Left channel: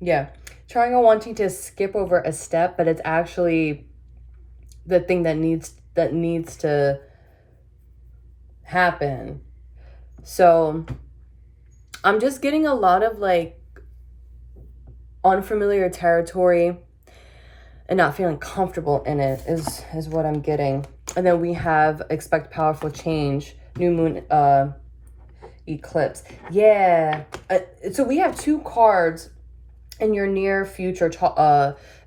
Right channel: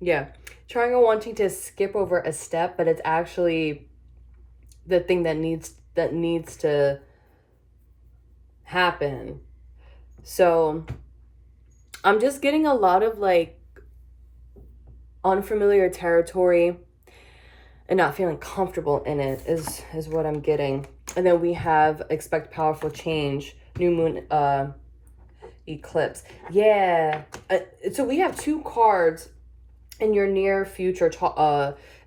Yeah. Trying or wanting to skip over a step, but it's actually the thing that needs to happen. So I'm just getting a lot of like unfamiliar territory and not feeling comfortable in it is what I'm getting. And then we have expect powerful change, new moon eclipse. Yeah. So we have two cards in your near future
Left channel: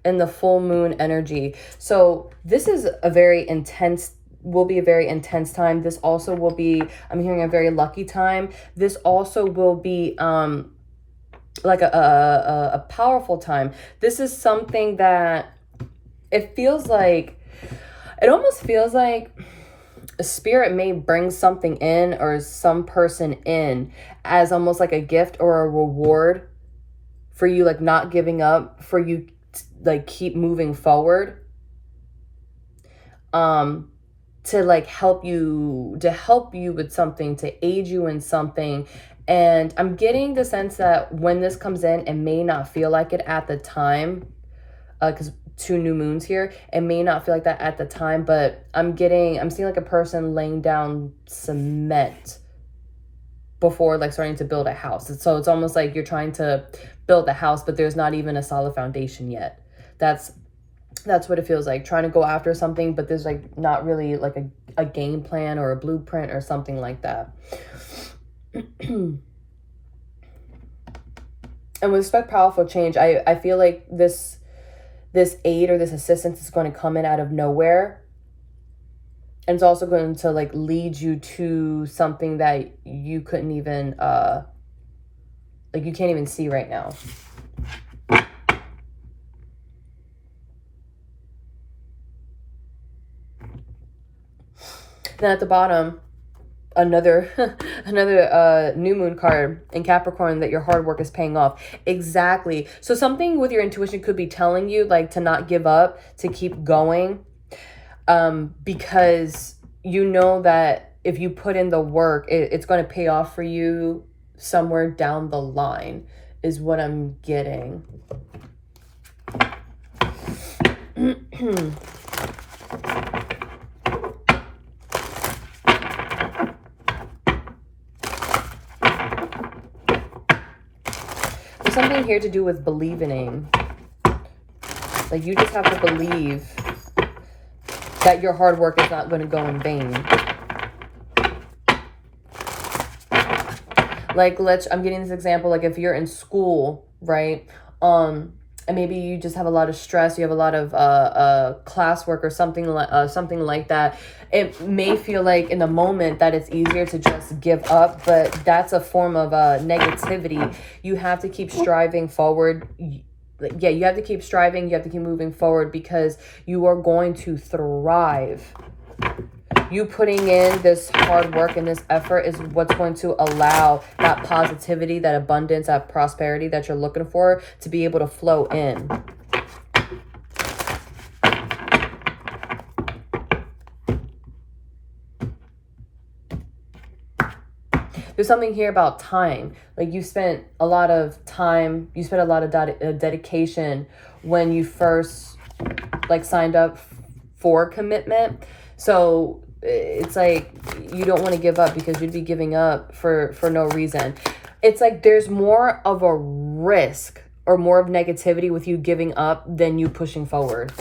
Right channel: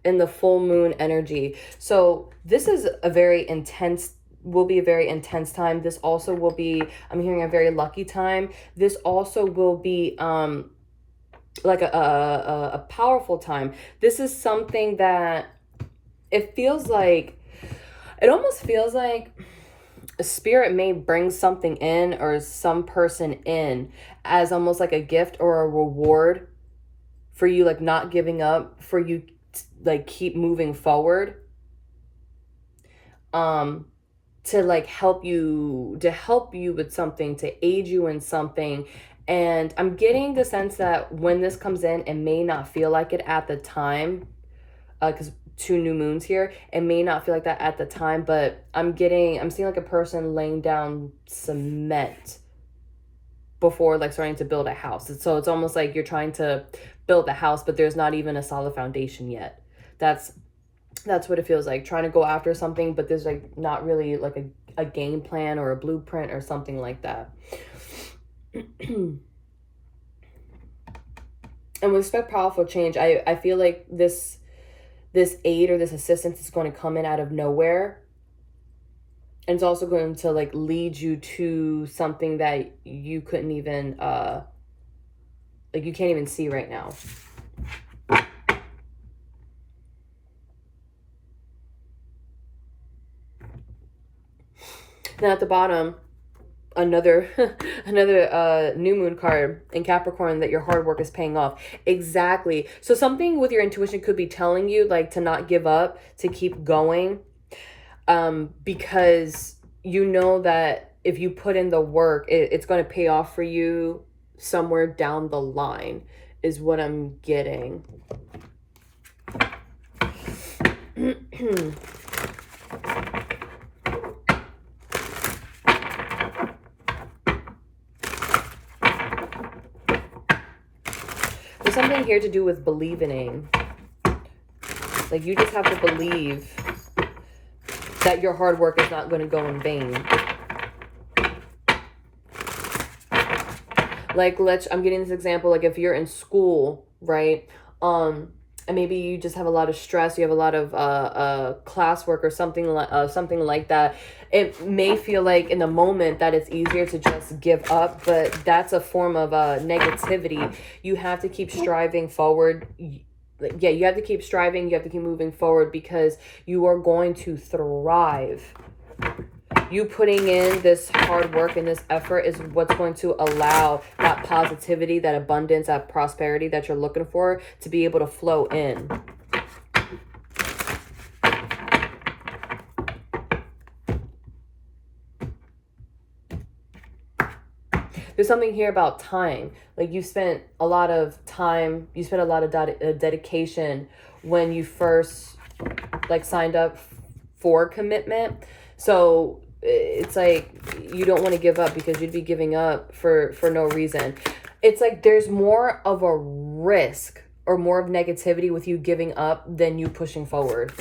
in the full moon energy. So this is a very intense will be a very intense time. This also will be, I'm hearing, a very lucky time. This also will be like a powerful time. This is something that it feels like, it almost feels like a spirit may bring something in or some person in as almost like a gift or a reward for you, like not giving up, for you like keep moving forward, um to like help you with something, to aid you in something. And I'm getting the sense that when this comes in, it may not feel like it at the time, because two new moons here, it may not feel like that at the time, but I'm seeing like a person laying down cement before like starting to build a house. So it's almost like you're trying to build a house, but there's not even a solid foundation yet. That's what it feels like, trying to go after something, but there's like not really like a game plan or a blueprint or something like that. And with expect powerful change, I feel like this aid or this assistance is going to come in out of nowhere. And it's also going to like lead you to something that you couldn't even like you can't even see right now. Then at the bottom, another another new moon card in Capricorn, that your hard work is paying off. Exactly. So something with your intuition could be telling you like to not give up, to keep going, because you know that if you put in the work, it's going to pay off for you somewhere down the line, is what I'm getting. There's something here to do with believing. Like you just have to believe that your hard work is not going to go in vain. Like I'm getting this example, like if you're in school, right? And maybe you just have a lot of stress, you have a lot of classwork or something like that. It may feel like in the moment that it's easier to just give up, but that's a form of negativity. You have to keep striving forward. Yeah, you have to keep striving, you have to keep moving forward, because you are going to thrive. You putting in this hard work and this effort is what's going to allow that positivity, that abundance, that prosperity that you're looking for to be able to flow in. There's something here about time. Like you spent a lot of time, you spent a lot of dedication when you first like signed up for commitment. So it's like you don't want to give up, because you'd be giving up for no reason. It's like there's more of a risk or more of negativity with you giving up than you pushing forward.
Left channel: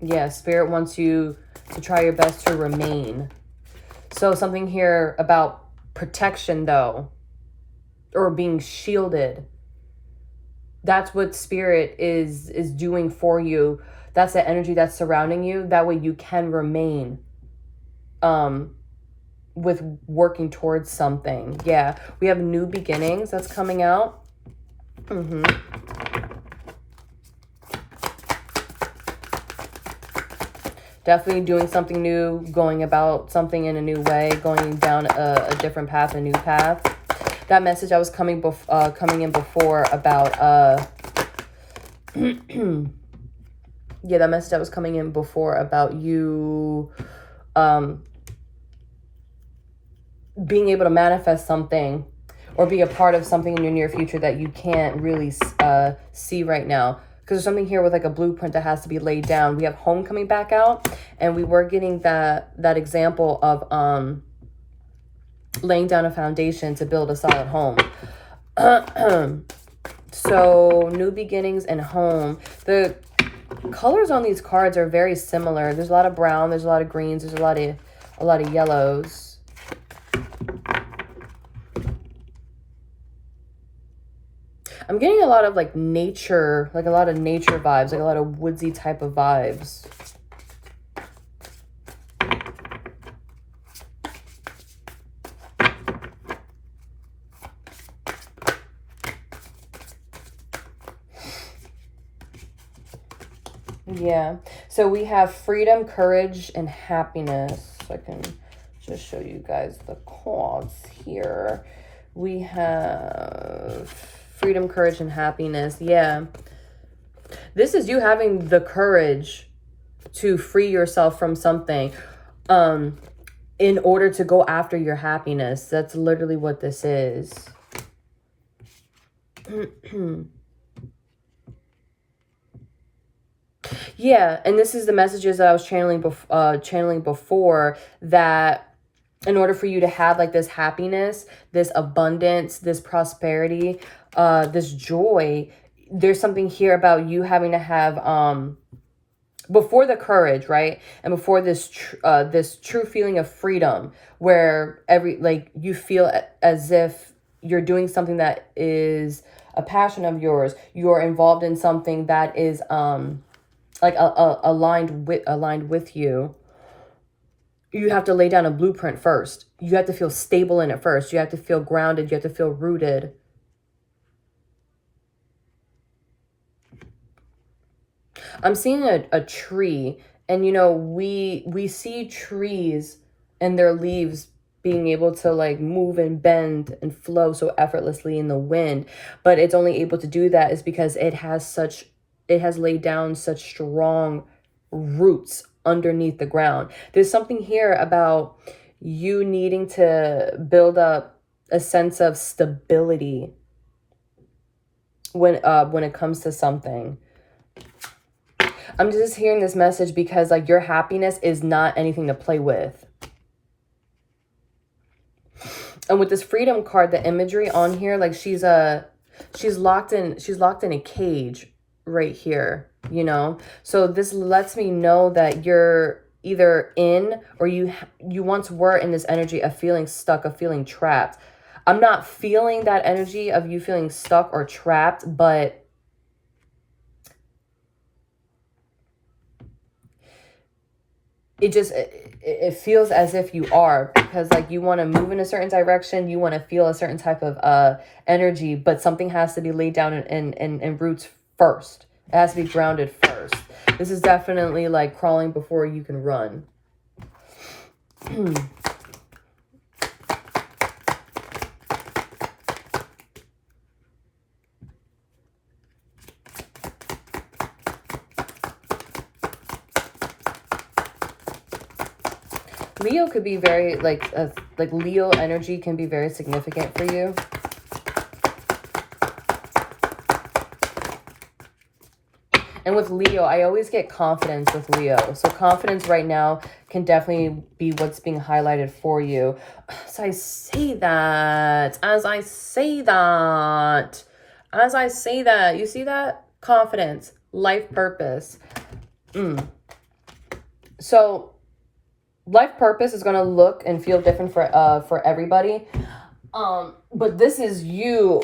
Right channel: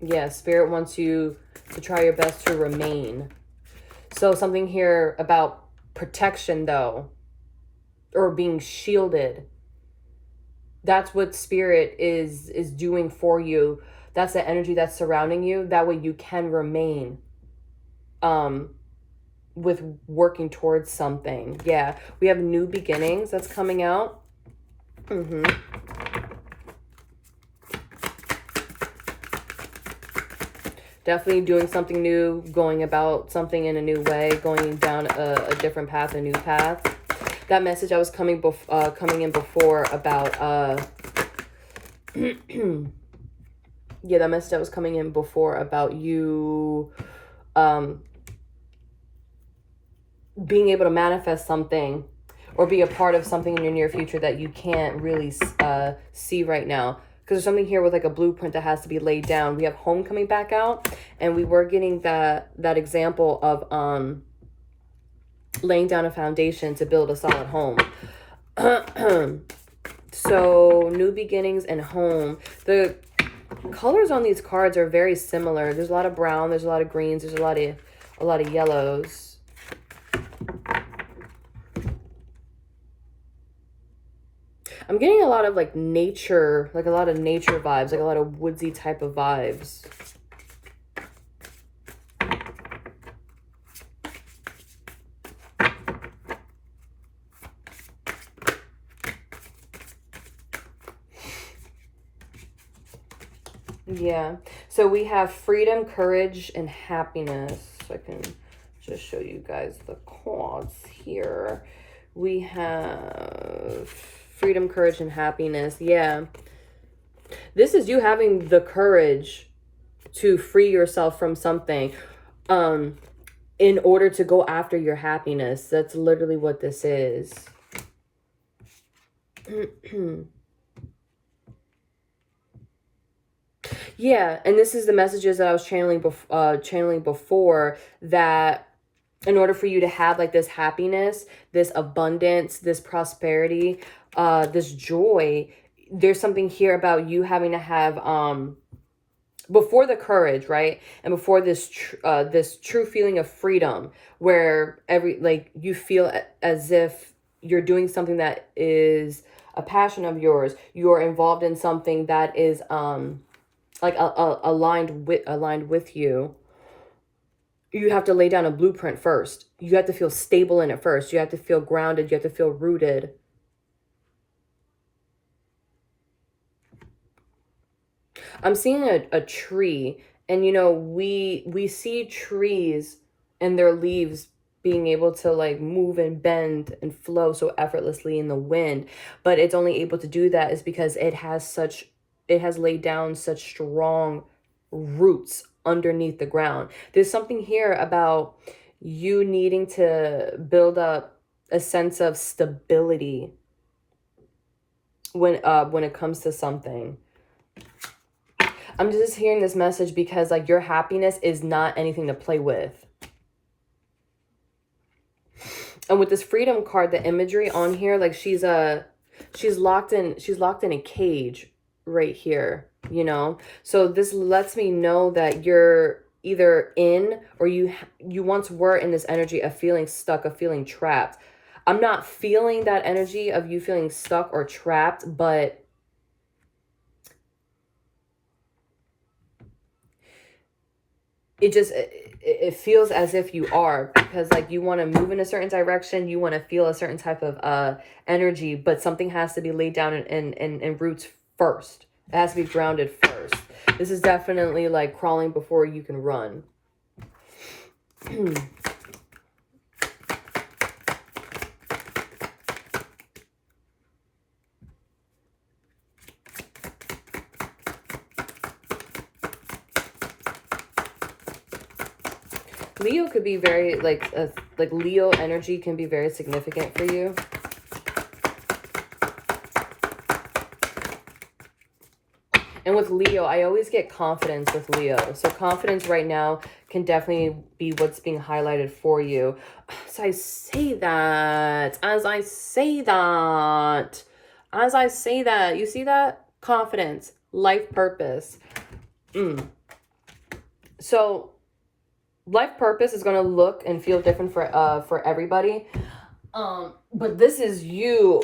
Yeah, Spirit wants you to try your best to remain. So something here about protection though, or being shielded. That's what Spirit is doing for you. That's the energy that's surrounding you. That way you can remain with working towards something. Yeah, we have new beginnings that's coming out. Definitely doing something new, going about something in a new way, going down a different path, a new path. That message I was coming in before about yeah, that message that was coming in before about you being able to manifest something or be a part of something in your near future that you can't really see right now. Because there's something here with like a blueprint that has to be laid down. We have home coming back out, and we were getting that example of laying down a foundation to build a solid home. So new beginnings and home. The colors on these cards are very similar. There's a lot of brown, there's a lot of greens, there's a lot of yellows. I'm getting a lot of like nature, like a lot of nature vibes, like a lot of woodsy type of vibes. Yeah, so we have freedom, courage, and happiness. I can just show you guys the cards here. We have freedom, courage, and happiness. Yeah, this is you having the courage to free yourself from something in order to go after your happiness. That's literally what this is. Yeah, and this is the messages that I was channeling before, that in order for you to have like this happiness, this abundance, this prosperity, this joy, there's something here about you having to have before the courage, right? And before this this true feeling of freedom, where you feel as if you're doing something that is a passion of yours, you're involved in something that is like aligned with you. You have to lay down a blueprint first. You have to feel stable in it first. You have to feel grounded. You have to feel rooted. I'm seeing a tree, and you know, we see trees and their leaves being able to like move and bend and flow so effortlessly in the wind, but it's only able to do that is because it has laid down such strong roots underneath the ground. There's something here about you needing to build up a sense of stability when it comes to something. I'm just hearing this message because like your happiness is not anything to play with. And with this freedom card, the imagery on here, like she's locked in a cage right here, you know? So this lets me know that you're either in, or you once were in this energy of feeling stuck, of feeling trapped. I'm not feeling that energy of you feeling stuck or trapped, but it feels as if you are, because like you want to move in a certain direction, you want to feel a certain type of energy, but something has to be laid down in roots first. It has to be grounded first. This is definitely like crawling before you can run. Leo could be very like Leo energy can be very significant for you. And with Leo, I always get confidence with Leo. So confidence right now can definitely be what's being highlighted for you. As I say that, you see that? Confidence, life purpose. So life purpose is going to look and feel different for everybody. But this is you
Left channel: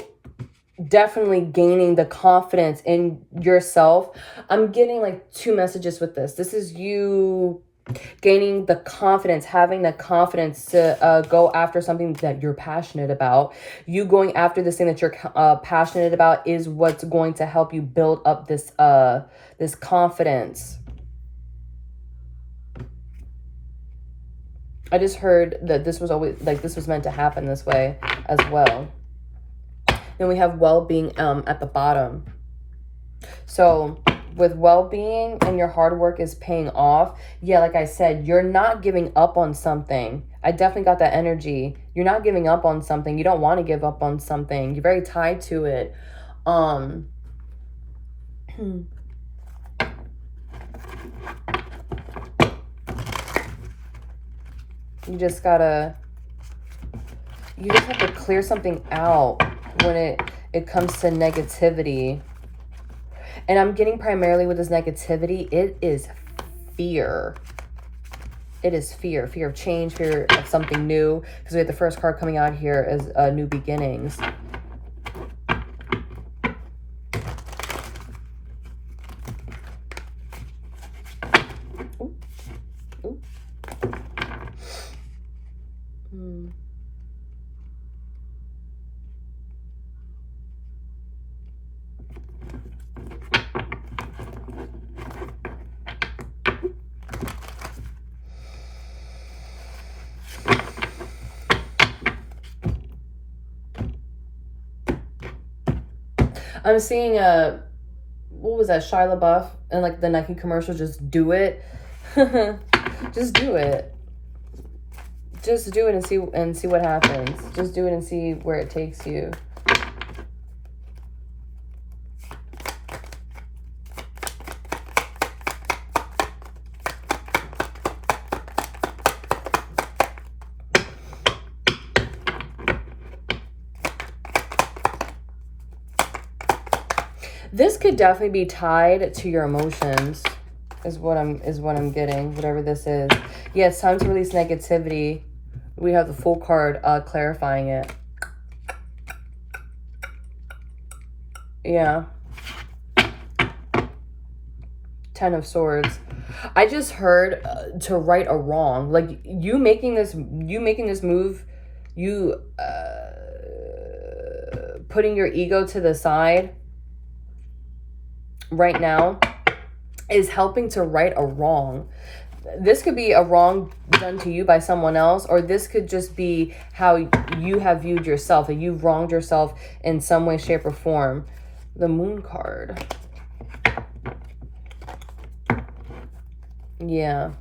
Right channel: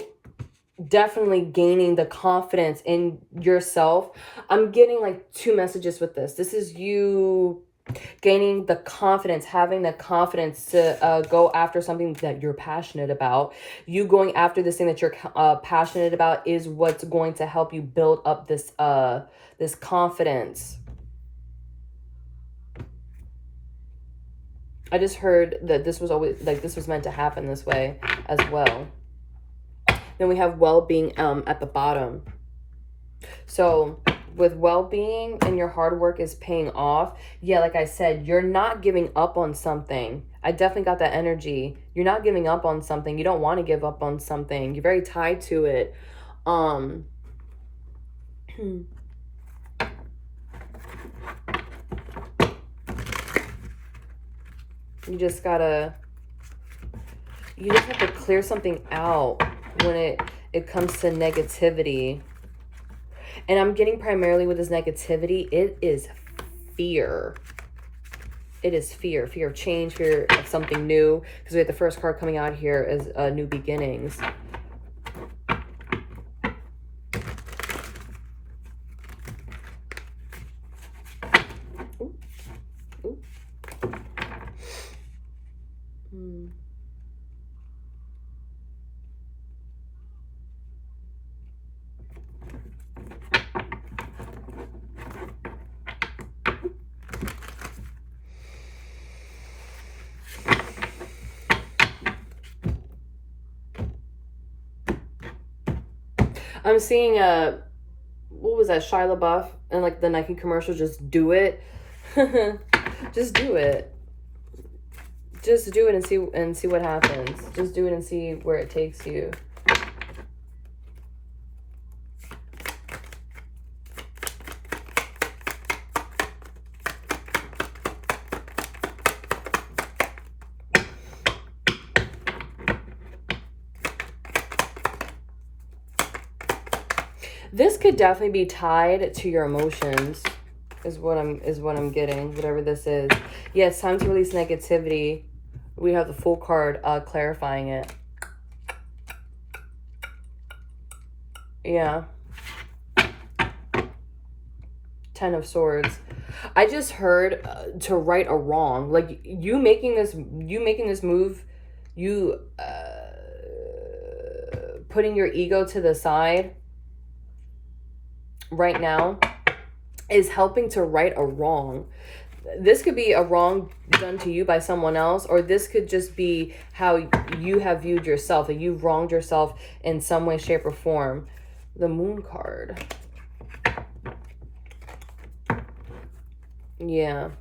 definitely gaining the confidence in yourself. I'm getting like two messages with this. This is you gaining the confidence, having the confidence to go after something that you're passionate about. You going after this thing that you're passionate about is what's going to help you build up this this confidence. I just heard that this was always like this was meant to happen this way as well. Then we have well-being at the bottom. So with well-being and your hard work is paying off. Yeah, like I said, you're not giving up on something. I definitely got that energy. You're not giving up on something. You don't want to give up on something. You're very tied to it. You just have to clear something out when it comes to negativity. And I'm getting primarily with this negativity, it is fear. It is fear. Fear of change, fear of something new. Because we had the first card coming out here as new beginnings. Ooh. Ooh. I'm seeing what was that, Shia LaBeouf and like the Nike commercial, just do it. Just do it. Just do it and see what happens. Just do it and see where it takes you. This could definitely be tied to your emotions, is what I'm getting, whatever this is. Yeah, it's time to release negativity. We have the Fool card clarifying it. Yeah. 10 of Swords. I just heard to right a wrong. Like you making this move, you putting your ego to the side right now is helping to right a wrong. This could be a wrong done to you by someone else, or this could just be how you have viewed yourself, that you've wronged yourself in some way, shape, or form. The Moon card. Yeah.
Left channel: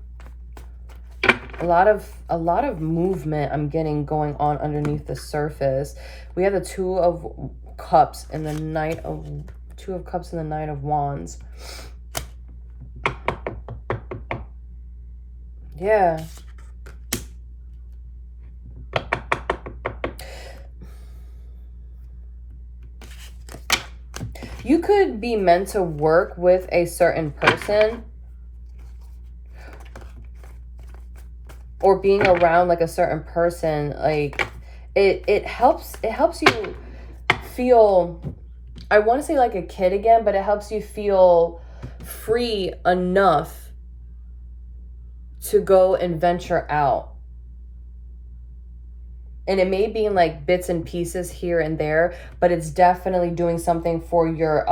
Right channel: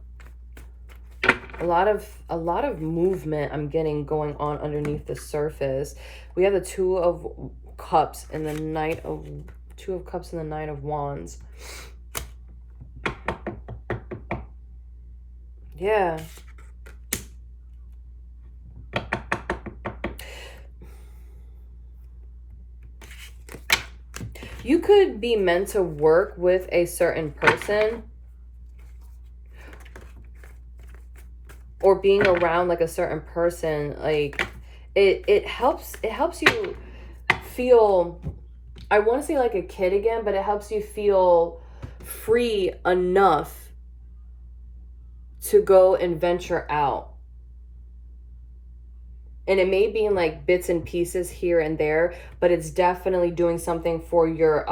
A lot of movement I'm getting going on underneath the surface. We have the Two of Cups and the Knight of Wands. Yeah. You could be meant to work with a certain person, or being around like a certain person. Like it helps you feel, I want to say like a kid again, but it helps you feel free enough to go and venture out. And it may be in like bits and pieces here and there, but it's definitely doing something for your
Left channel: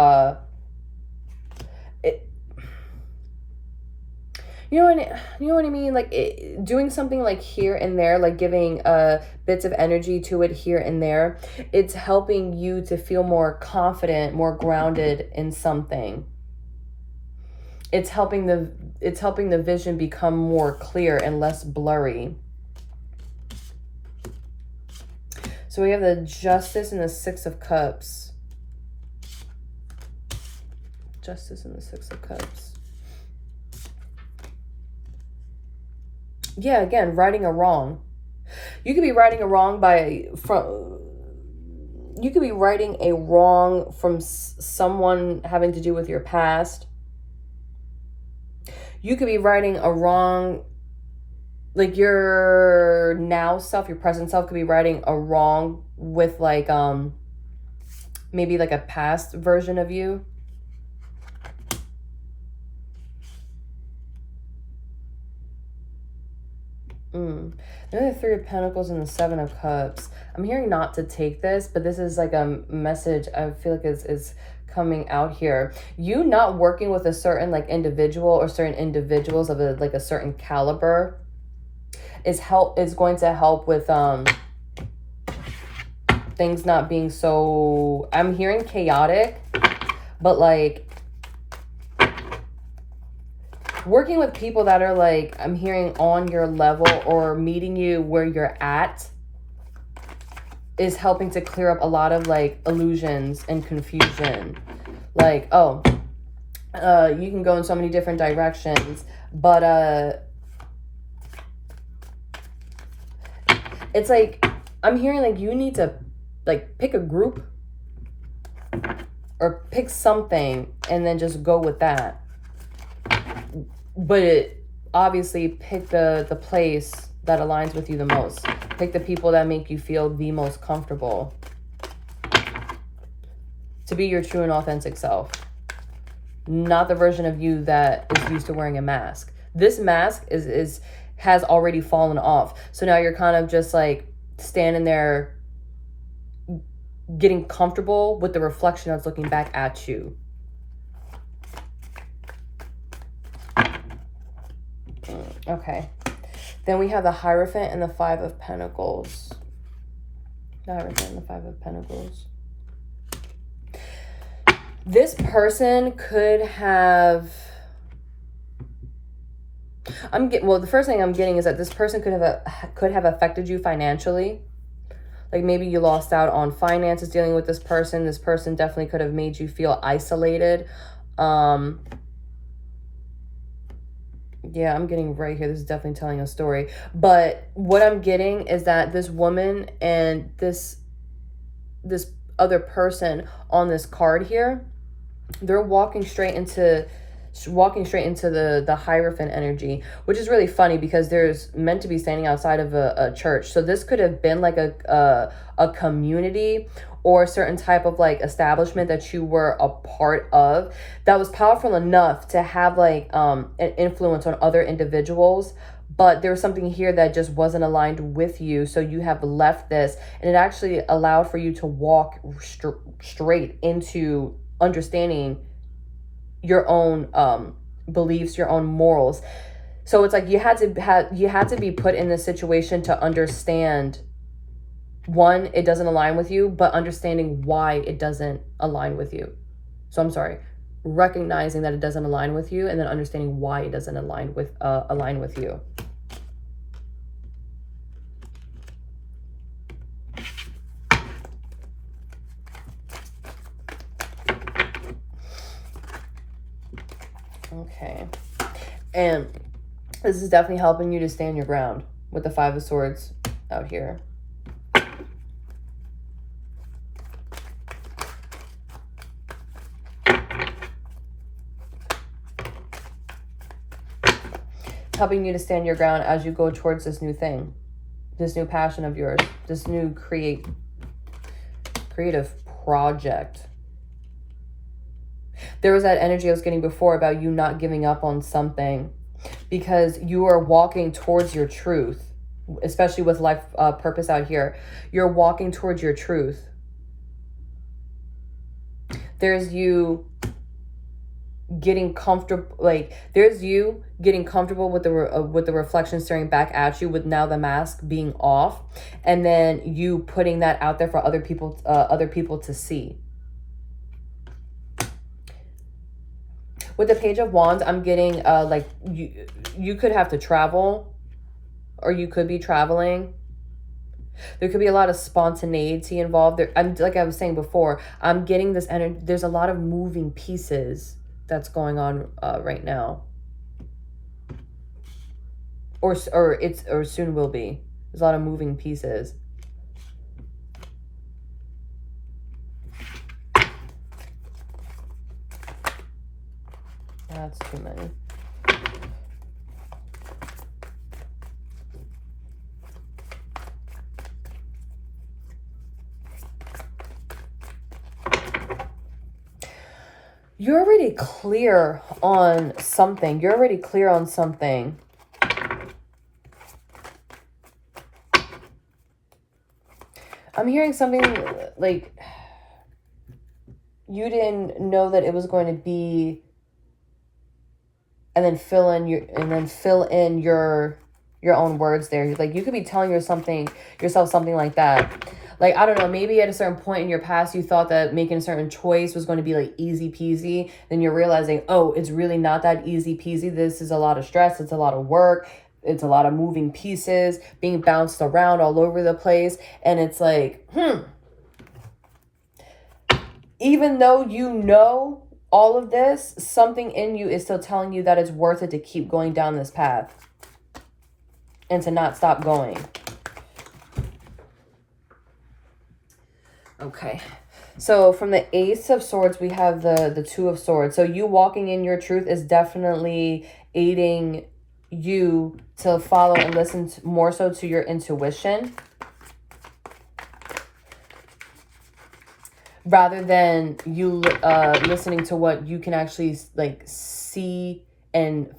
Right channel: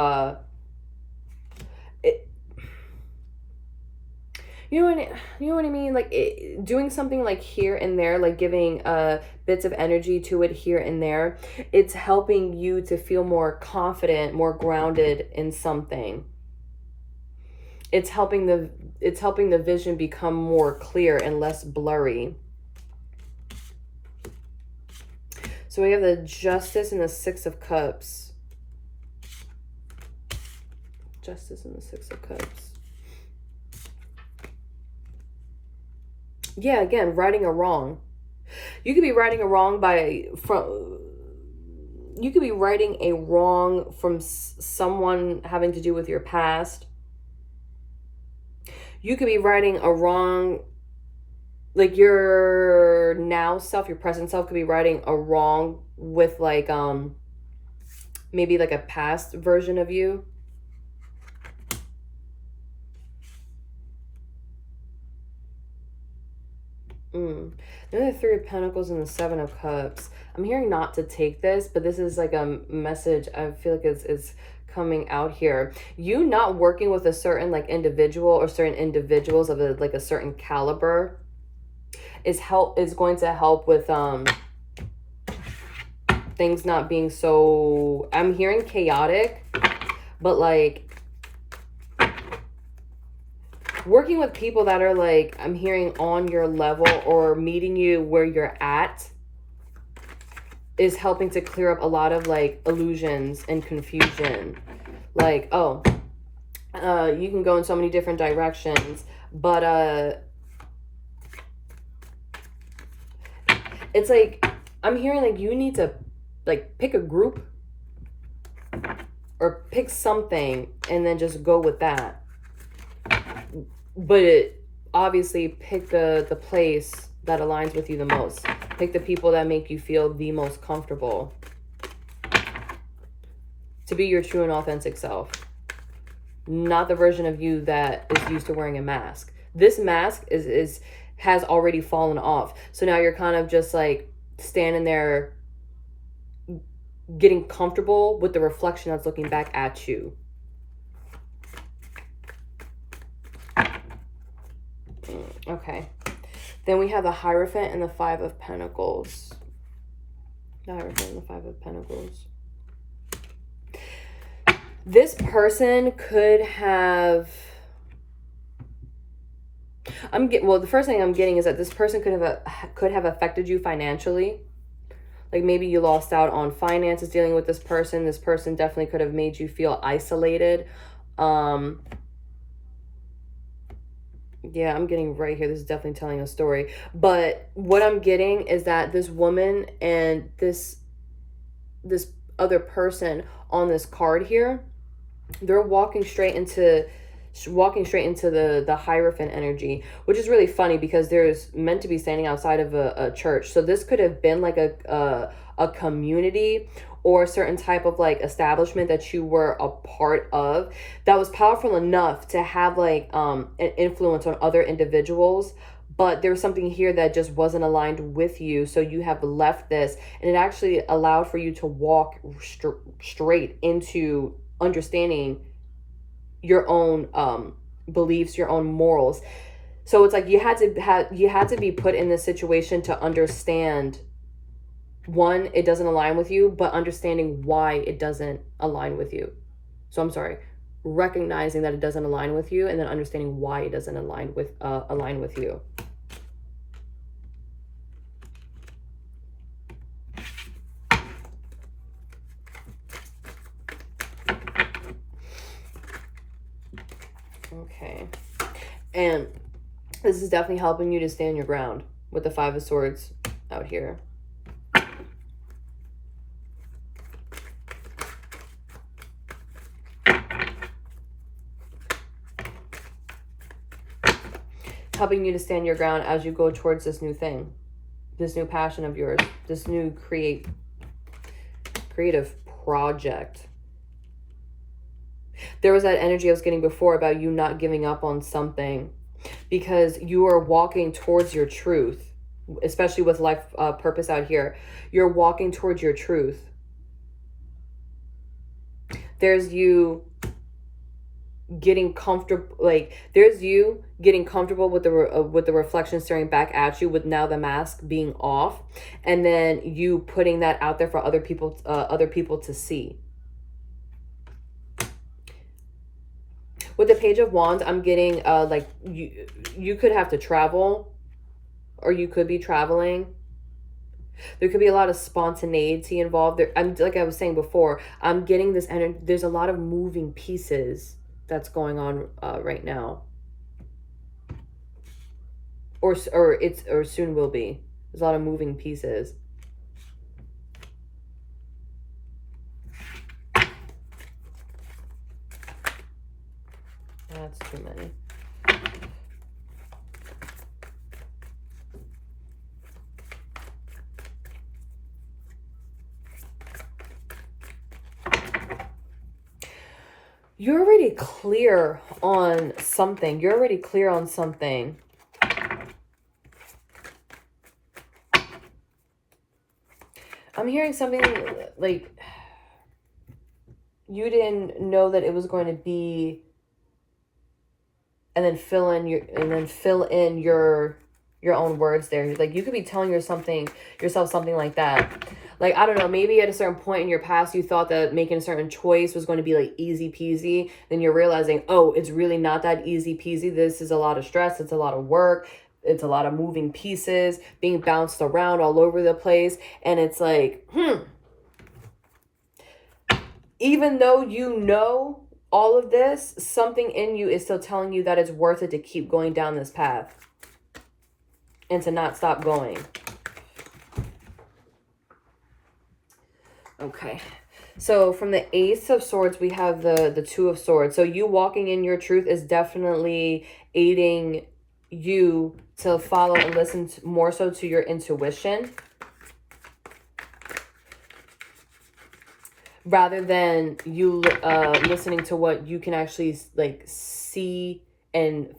you know what I mean? Like doing something like here and there, like giving bits of energy to it here and there. It's helping you to feel more confident, more grounded in something. It's helping the vision become more clear and less blurry. So we have the Justice and the Six of Cups. Justice and the Six of Cups. Yeah, again, righting a wrong. You could be righting a wrong from someone having to do with your past. You could be righting a wrong, like your now self, your present self could be righting a wrong with like maybe like a past version of you. Another Three of Pentacles and the Seven of Cups. I'm hearing not to take this, but this is like a message I feel like is coming out here. You not working with a certain like individual or certain individuals of like a certain caliber is going to help with things not being so, I'm hearing chaotic, but like Working with people that are like, I'm hearing on your level or meeting you where you're at is helping to clear up a lot of like illusions and confusion. Like, oh, you can go in so many different directions, but it's like, I'm hearing like you need to like pick a group or pick something and then just go with that. But obviously pick the place that aligns with you the most. Pick the people that make you feel the most comfortable to be your true and authentic self. Not the version of you that is used to wearing a mask. This mask has already fallen off. So now you're kind of just like standing there getting comfortable with the reflection that's looking back at you. Okay. Then we have the Hierophant and the Five of Pentacles. The Hierophant and the Five of Pentacles. This person could have... well, the first thing I'm getting is that this person could have affected you financially. Like maybe you lost out on finances dealing with this person. This person definitely could have made you feel isolated. Yeah, I'm getting right here. This is definitely telling a story. But what I'm getting is that this woman and this other person on this card here, they're walking straight into the Hierophant energy, which is really funny because there's meant to be standing outside of a church. So this could have been like a community or a certain type of like establishment that you were a part of that was powerful enough to have like an influence on other individuals. But there's something here that just wasn't aligned with you. So you have left this, and it actually allowed for you to walk straight into understanding your own beliefs, your own morals. So it's like you had to be put in this situation to understand, one, it doesn't align with you, but understanding why it doesn't align with you. So I'm sorry, recognizing that it doesn't align with you, and then understanding why it doesn't align with you. Okay. And this is definitely helping you to stand your ground with the Five of Swords out here. Helping you to stand your ground as you go towards this new thing, this new passion of yours, this new creative project. There was that energy I was getting before about you not giving up on something because you are walking towards your truth, especially with life purpose out here. You're walking towards your truth. There's you getting comfortable, like there's you getting comfortable with the reflection staring back at you, with now the mask being off, and then you putting that out there for other people to see. With the Page of Wands, I'm getting like you could have to travel, or you could be traveling. There could be a lot of spontaneity involved there. I'm like I was saying before, I'm getting this energy. There's a lot of moving pieces that's going on right now, or soon will be. There's a lot of moving pieces. That's too many. You're already clear on something. You're already clear on something. I'm hearing something like you didn't know that it was going to be, and then fill in your own words there. Like you could be telling yourself something like that. Like, I don't know, maybe at a certain point in your past, you thought that making a certain choice was going to be like easy peasy. Then you're realizing, oh, it's really not that easy peasy. This is a lot of stress. It's a lot of work. It's a lot of moving pieces, being bounced around all over the place. And it's like, even though you know all of this, something in you is still telling you that it's worth it to keep going down this path and to not stop going. Okay. So from the Ace of Swords, we have the Two of Swords. So you walking in your truth is definitely aiding you to follow and listen more so to your intuition, rather than you listening to what you can actually like see and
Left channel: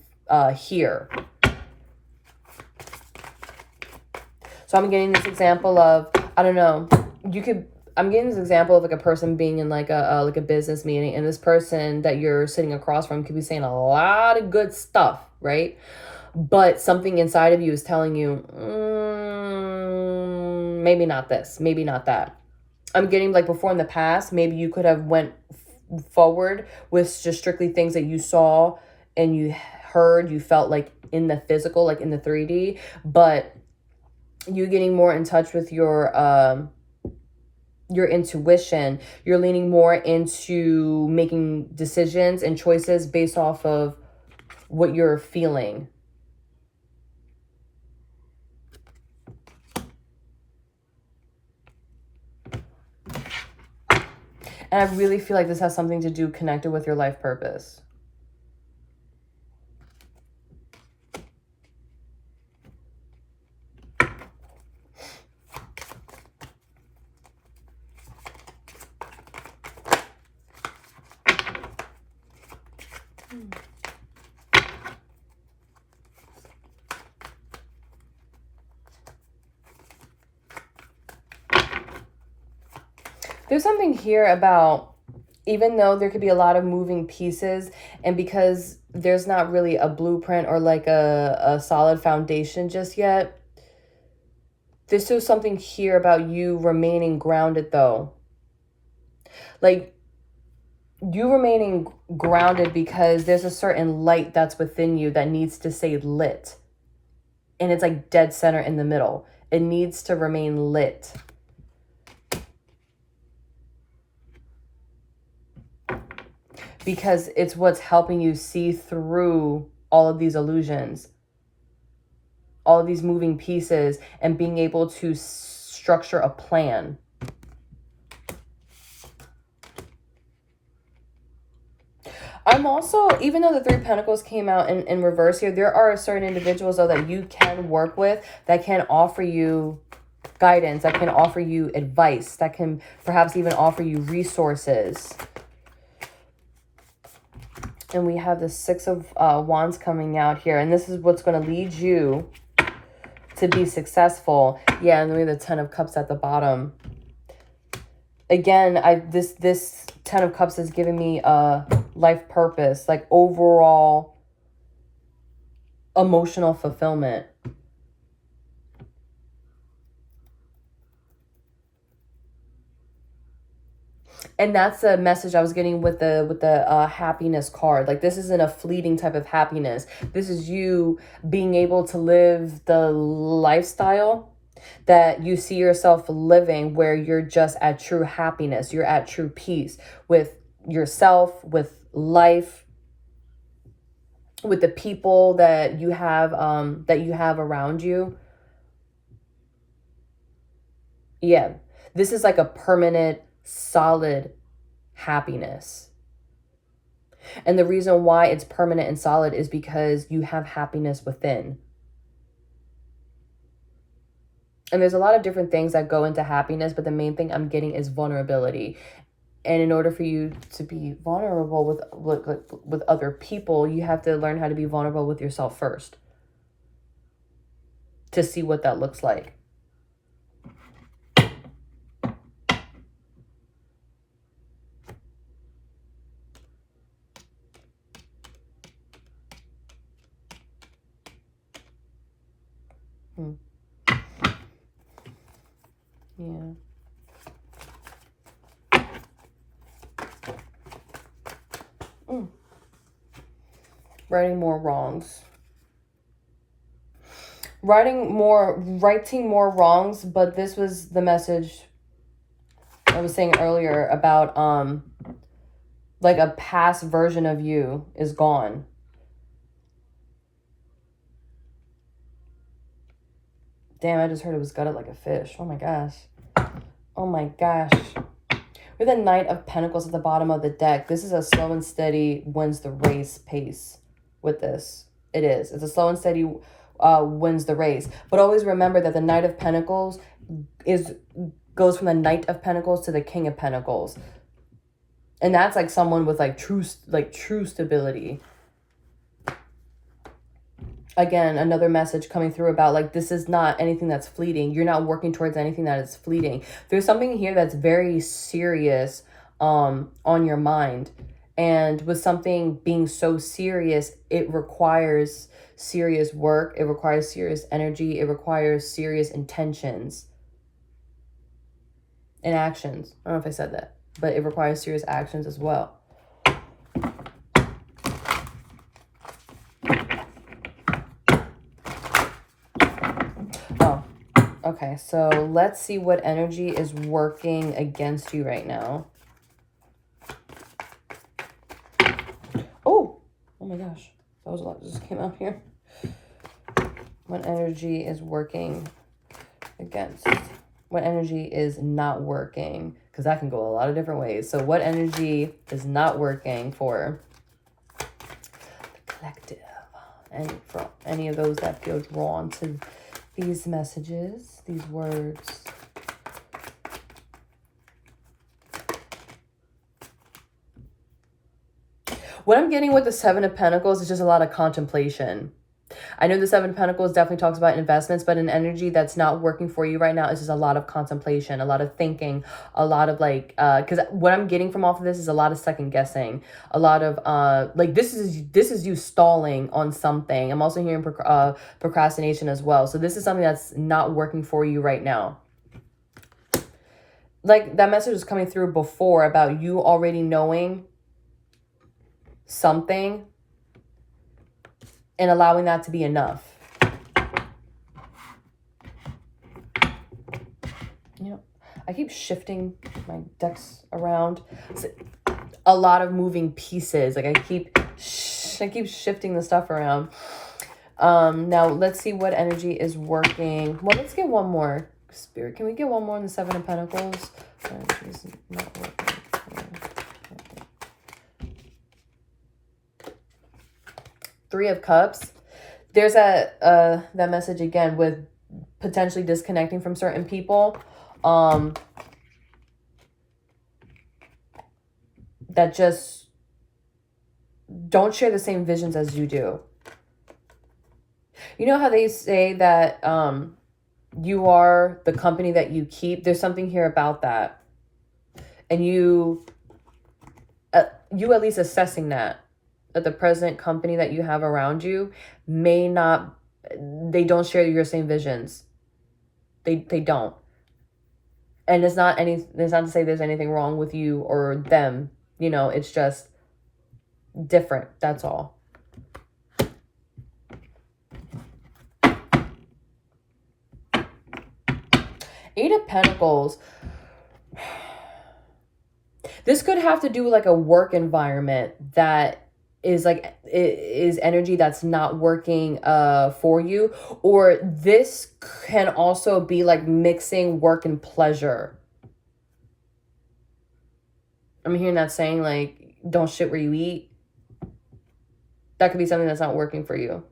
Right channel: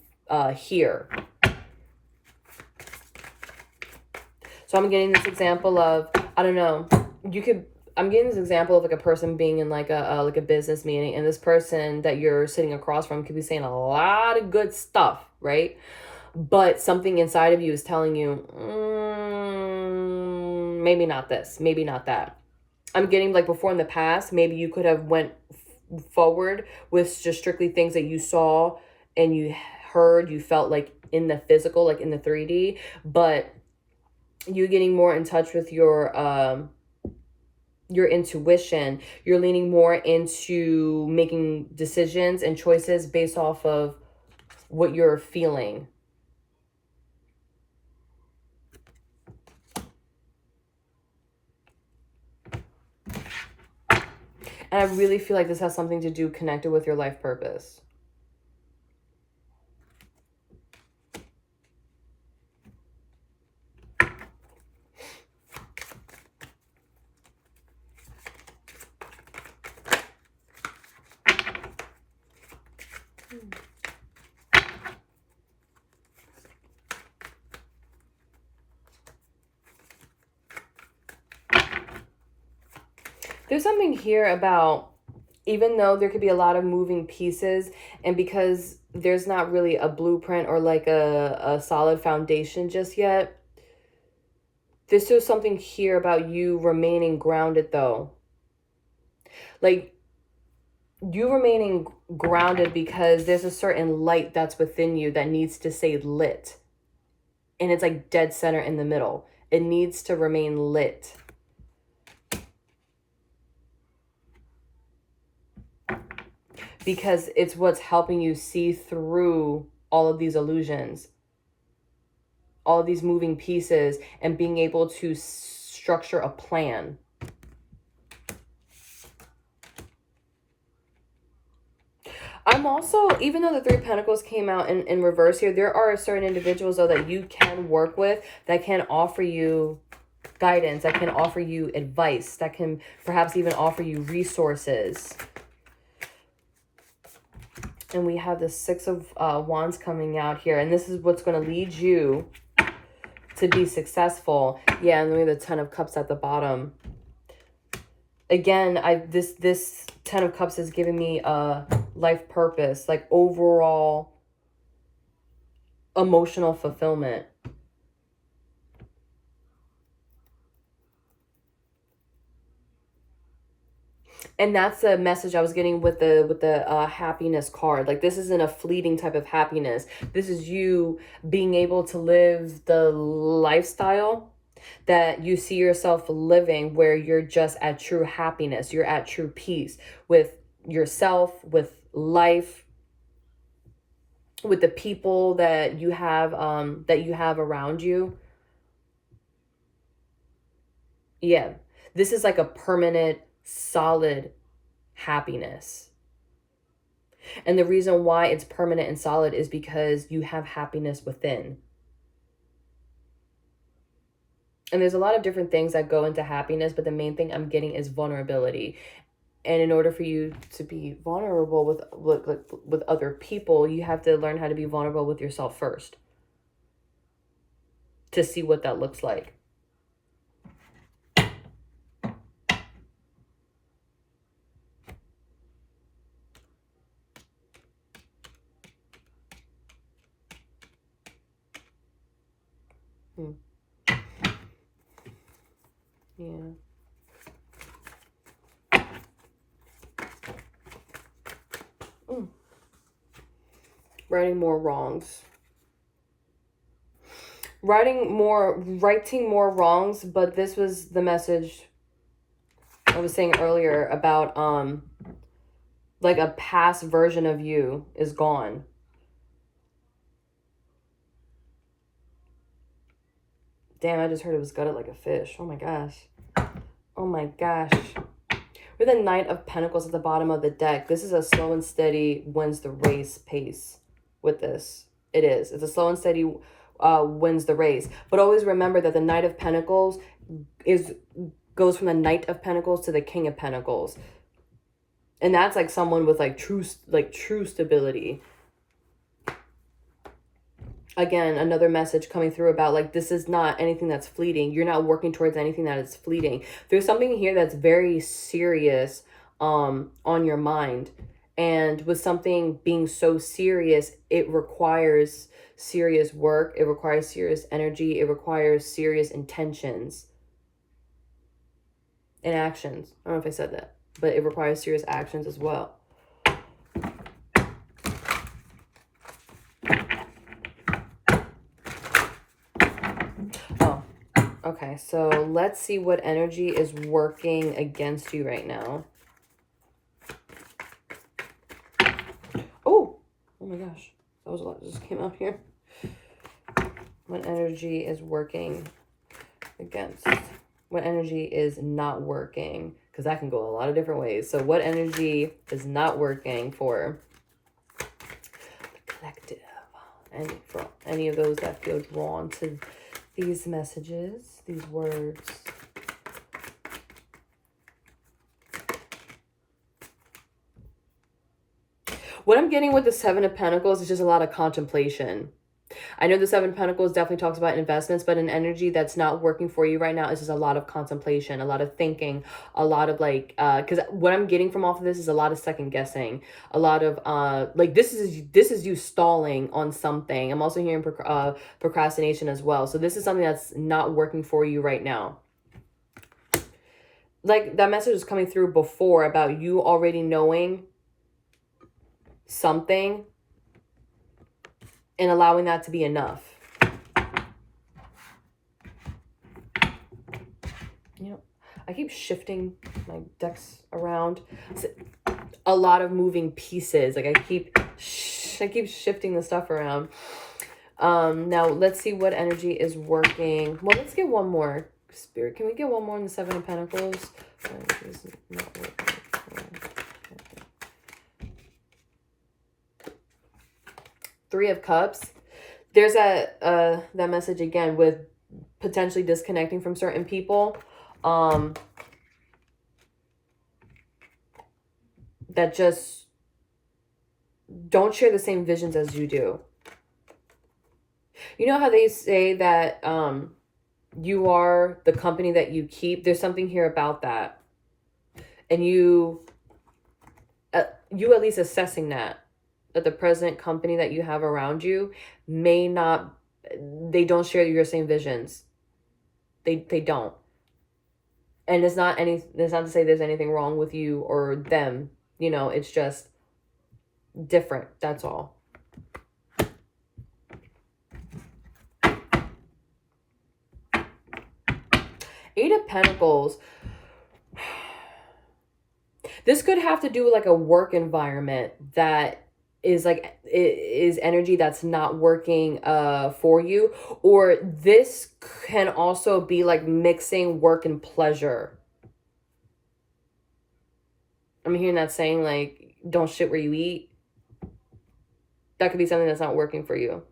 hear. So I'm getting this example of, I don't know, I'm getting this example of like a person being in like a business meeting, and this person that you're sitting across from could be saying a lot of good stuff, right? But something inside of you is telling you, maybe not this, maybe not that. I'm getting like before in the past, maybe you could have went forward with just strictly things that you saw and you heard, you felt like in the physical, like in the 3D, but you're getting more in touch with your intuition. You're leaning more into making decisions and choices based off of what you're feeling. And I really feel like this has something to do connected with your life purpose. There's something here about, even though there could be a lot of moving pieces, and because there's not really a blueprint or like a solid foundation just yet, there's still something here about you remaining grounded though. Like, you remaining grounded because there's a certain light that's within you that needs to stay lit. And it's like dead center in the middle. It needs to remain lit. Because it's what's helping you see through all of these illusions, all of these moving pieces, and being able to structure a plan. I'm also, even though the Three of Pentacles came out in reverse here, there are certain individuals though that you can work with that can offer you guidance, that can offer you advice, that can perhaps even offer you resources. And we have the Six of Wands coming out here, and this is what's going to lead you to be successful. Yeah, and then we have the Ten of Cups at the bottom. Again, this Ten of Cups is giving me a life purpose, like overall emotional fulfillment. And that's the message I was getting with the happiness card. Like, this isn't a fleeting type of happiness. This is you being able to live the lifestyle that you see yourself living, where you're just at true happiness. You're at true peace with yourself, with life, with the people that you have around you. Yeah, this is like a permanent, solid happiness. And the reason why it's permanent and solid is because you have happiness within. And there's a lot of different things that go into happiness, but the main thing I'm getting is vulnerability. And in order for you to be vulnerable with other people, you have to learn how to be vulnerable with yourself first, to see what that looks like. Yeah. Righting more wrongs. Righting more wrongs, but this was the message I was saying earlier about like a past version of you is gone. Damn, I just heard it was gutted like a fish. Oh my gosh. Oh my gosh. With the Knight of Pentacles at the bottom of the deck, this is a slow and steady wins the race pace with this. It is. It's a slow and steady wins the race. But always remember that the Knight of Pentacles goes from the Knight of Pentacles to the King of Pentacles. And that's like someone with like true stability. Again, another message coming through about like, this is not anything that's fleeting. You're not working towards anything that is fleeting. There's something here that's very serious on your mind. And with something being so serious, it requires serious work. It requires serious energy. It requires serious intentions and actions. I don't know if I said that, but it requires serious actions as well. Okay, so let's see what energy is working against you right now. Oh my gosh. That was a lot that just came out here. What energy is working against? What energy is not working? Because that can go a lot of different ways. So what energy is not working for the collective? And for any of those that feel drawn to these messages, these words. What I'm getting with the Seven of Pentacles is just a lot of contemplation. I know the Seven of Pentacles definitely talks about investments, but an energy that's not working for you right now is just a lot of contemplation, a lot of thinking, a lot of like, because what I'm getting from off of this is a lot of second guessing, a lot of like this is you stalling on something. I'm also hearing procrastination as well. So this is something that's not working for you right now. Like that message was coming through before about you already knowing something and allowing that to be enough. You know, I keep shifting my decks around. It's a lot of moving pieces. Like I keep shifting the stuff around. Now let's see what energy is working. Well, let's get one more. Spirit, can we get one more in the Seven of Pentacles? Energy's not working. Three of Cups. There's that message again with potentially disconnecting from certain people. That just don't share the same visions as you do. You know how they say that you are the company that you keep? There's something here about that. And you at least assessing that the present company that you have around you may not, they don't share your same visions. They don't. And it's not to say there's anything wrong with you or them. You know, it's just different. That's all. Eight of Pentacles. This could have to do with like a work environment that is like, is energy that's not working for you. Or this can also be like mixing work and pleasure. I'm hearing that saying like, don't shit where you eat. That could be something that's not working for you.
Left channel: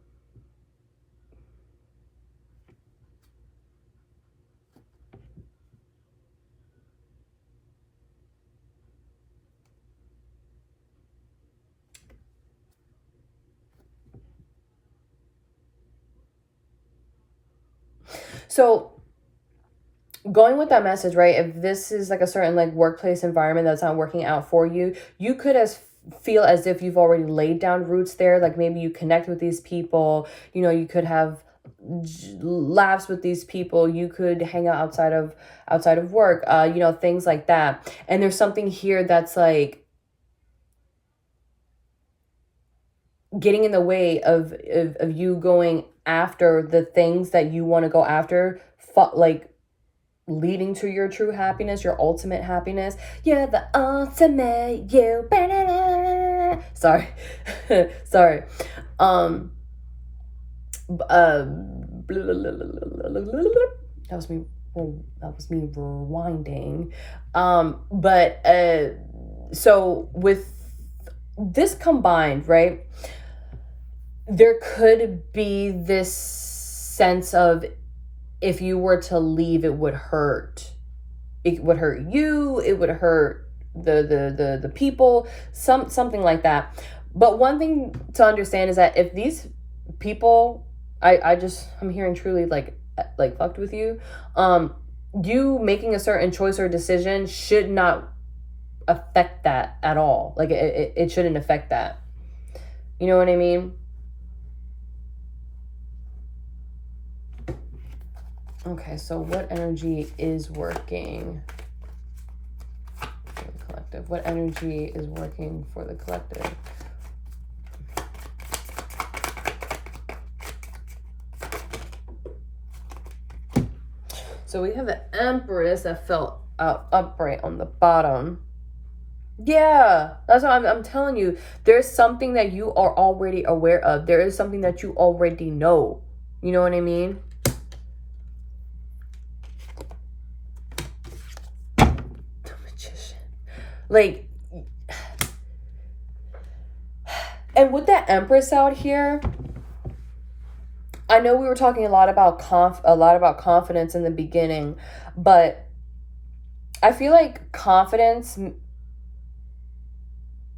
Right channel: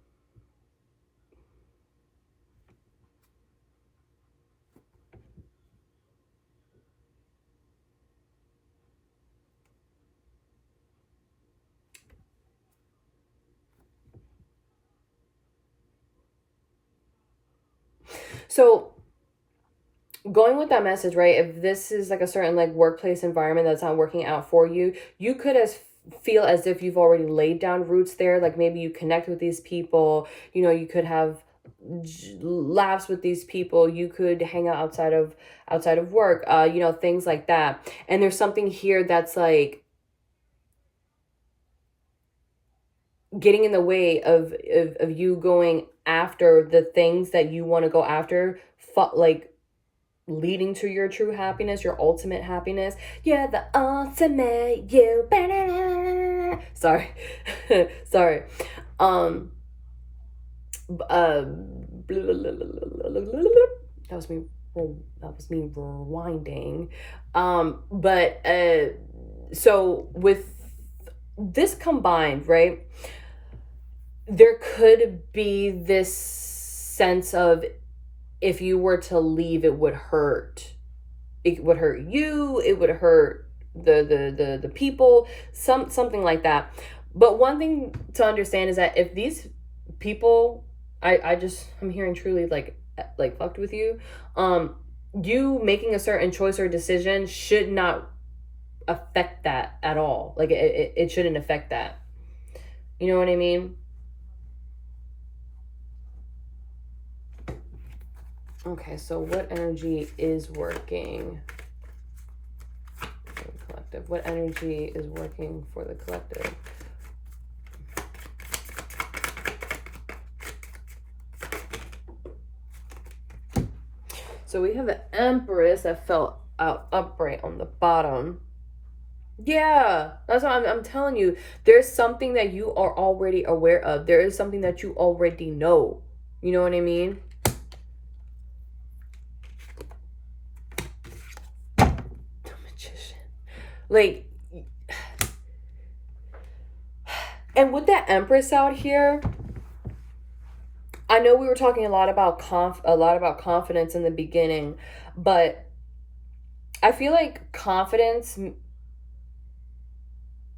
So going with that message, right? If this is like a certain like workplace environment that's not working out for you, you could feel as if you've already laid down roots there. Like maybe you connect with these people, you know, you could have laughs with these people, you could hang out outside of work, you know, things like that. And there's something here that's like, getting in the way of you going after the things that you want to go after, like leading to your true happiness, your ultimate happiness. You're the ultimate you. Sorry. Sorry. That was me. That was me rewinding. But so with this combined, right? There could be this sense of, if you were to leave, it would hurt. It would hurt you. It would hurt the people. Something like that. But one thing to understand is that if these people, I'm hearing truly like fucked with you. You making a certain choice or decision should not affect that at all. Like it shouldn't affect that. You know what I mean? Okay, so what energy is working for the collective? What energy is working for the collective? So we have the Empress that fell out upright on the bottom. Yeah, that's what I'm telling you. There's something that you are already aware of. There is something that you already know. You know what I mean? The Magician. Like, and with that Empress out here, I know we were talking a lot about confidence in the beginning, but I feel like confidence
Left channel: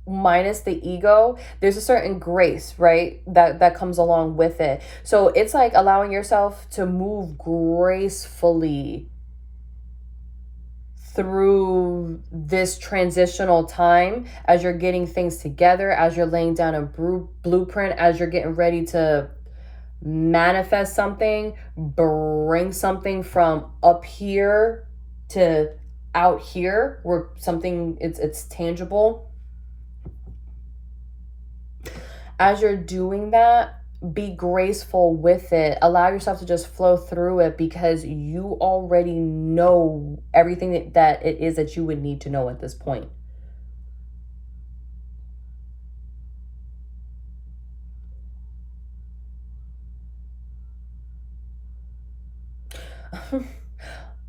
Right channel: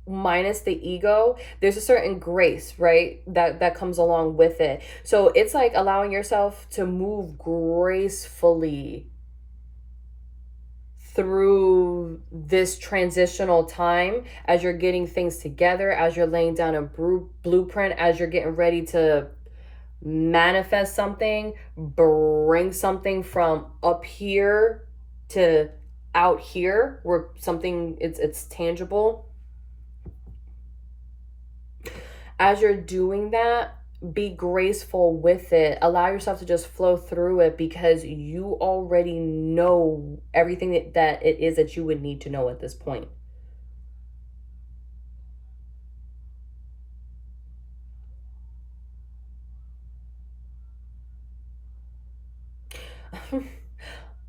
minus the ego, there's a certain grace, right, that comes along with it. So it's like allowing yourself to move gracefully through this transitional time as you're getting things together, as you're laying down a blueprint, as you're getting ready to manifest something, bring something from up here to out here where something it's tangible. As you're doing that, be graceful with it. Allow yourself to just flow through it, because you already know everything that it is that you would need to know at this point.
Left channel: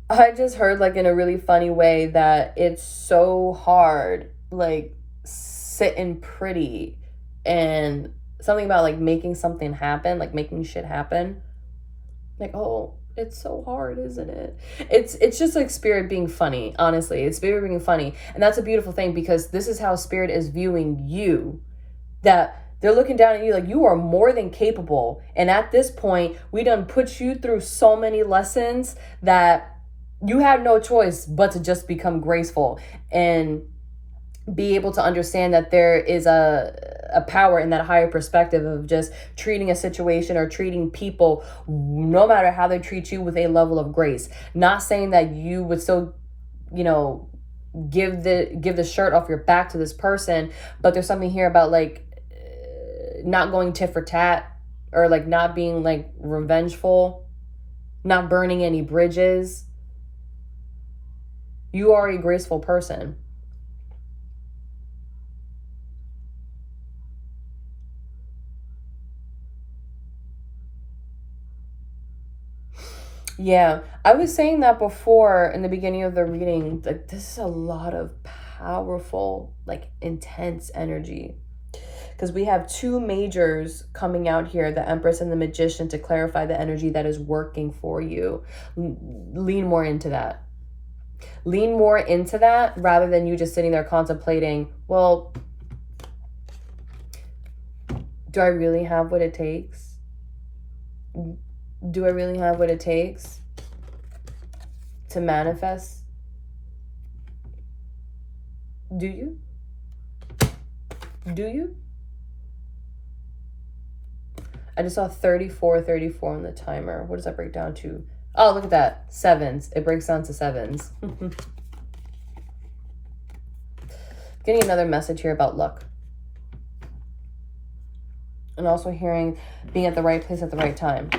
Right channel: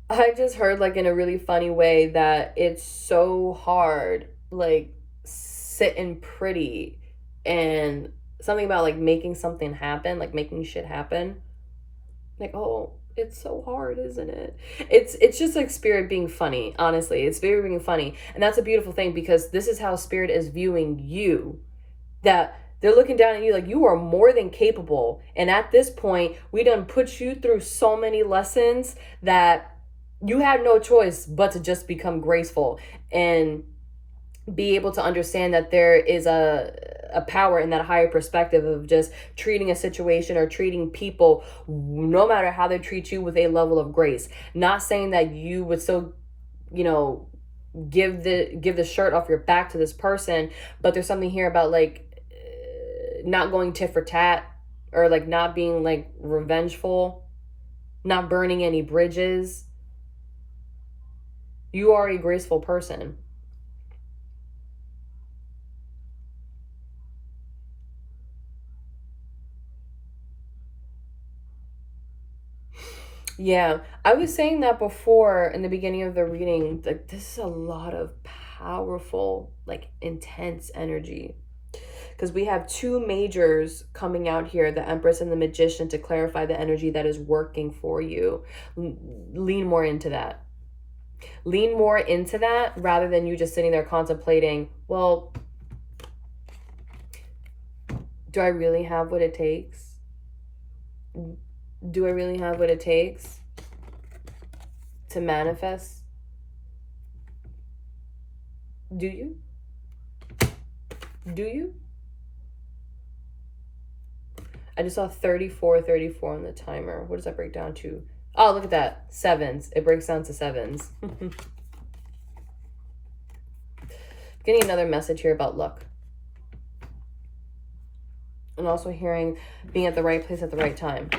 I just heard, like, in a really funny way, that it's so hard, like, sitting pretty and something about like making something happen, like making shit happen. Like, oh, it's so hard, isn't it? It's just like spirit being funny, honestly. It's spirit being funny. And that's a beautiful thing, because this is how spirit is viewing you. That they're looking down at you like you are more than capable. And at this point, we done put you through so many lessons that you had no choice but to just become graceful and be able to understand that there is a power in that higher perspective of just treating a situation or treating people, no matter how they treat you, with a level of grace. Not saying that you would still, you know, give the shirt off your back to this person, but there's something here about like not going tit for tat, or like not being like revengeful, not burning any bridges. You are a graceful person. Yeah, I was saying that before in the beginning of the reading. Like, this is a lot of powerful, like intense energy. Because we have two majors coming out here, the Empress and the Magician, to clarify the energy that is working for you. Lean more into that. Lean more into that rather than you just sitting there contemplating, well, do I really have what it takes? Do I really have what it takes to manifest? Do you? Do you? I just saw 34 on the timer. What does that break down to? Oh, look at that. Sevens. It breaks down to sevens. Getting another message here about luck. also hearing being at the right place at the right time.